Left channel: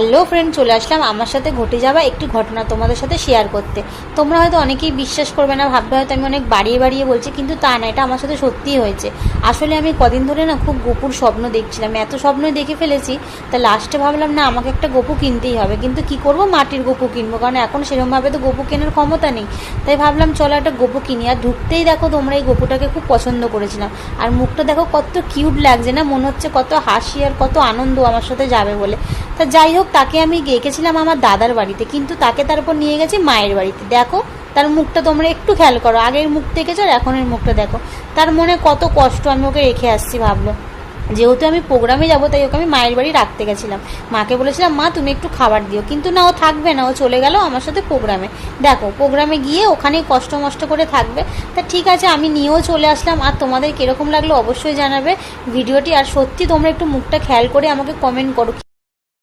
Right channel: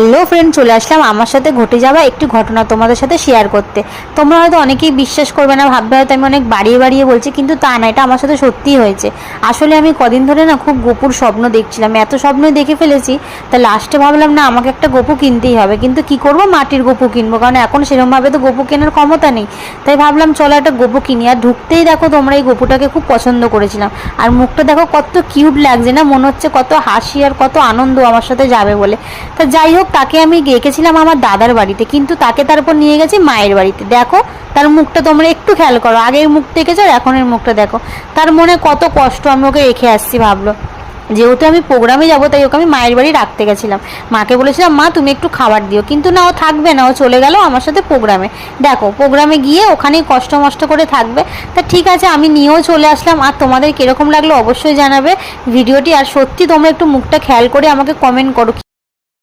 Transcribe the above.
Hello friend, চলে আসলাম আমার সাথে ঘটে যাওয়া একটি ঘটনা তোমাদের সাথে শেয়ার করতে। তোমরা হয়তো অনেকেই বিশ্বাস করবে না, ভাববে হয়তো আমি অনেক বাড়িয়ে বাড়িয়ে বলছি, কিন্তু তা না, এটা আমার সাথে সত্যিই হয়েছে। আসলে আমি কদিন ধরে না খুব গোপুর স্বপ্ন দেখছিলাম, এত স্বপ্ন দেখে ফেলেছি, তা লাস্টে ভাবলাম না আমাকে একটা গোপু কিনতেই হবে। কিন্তু কি করব, মাটির গোপু কিনবো, কারণ এখন সেরকমভাবে তো গোপু কেনার ক্ষমতা নেই। তাই ভাবলাম চলো একটা গোপু কিনি। আর ঢুকতেই দেখো তোমরা এই গোপুটাকে খুব পছন্দ করেছিলাম। আর মুখটা দেখো কত কিউট লাগছে না, মনে হচ্ছে কত হাসি আর কত আনন্দ আমার সাথে যাবে বলে। তা যাই হোক, তাকে আমি রেখেছিলাম আমার দাদার বাড়িতে, কিন্তু তাকে তারপর নিয়ে গেছি মায়ের বাড়িতে। দেখো তার মুখটা তোমরা একটু খেয়াল করো, আগের মুখ দেখেছো আর এখনের মুখটা দেখো। তার মনে কত কষ্ট, আমি ওকে রেখে আসছি। ভাবলো যেহেতু আমি প্রোগ্রামে যাবো, তাই ওকে আমি মায়ের বাড়ি রাখতে গেছিলাম। মাকে বলেছিলাম মা তুমি একটু খাবার দিও, কিন্তু না, ও থাকবে না, ও চলে গেল আমার সাথে প্রোগ্রামে। দেখো প্রোগ্রামে গিয়ে ওখানেই কষ্ট মষ্ট করে থাকবে। তা ঠিক আছে, আমি নিয়েও চলে আসলাম। আর তোমাদের কিরকম লাগলো অবশ্যই জানাবে ভিডিওটি। আর সত্যি তোমরা একটু মুখটা খেয়াল করে আমাকে কমেন্ট করো।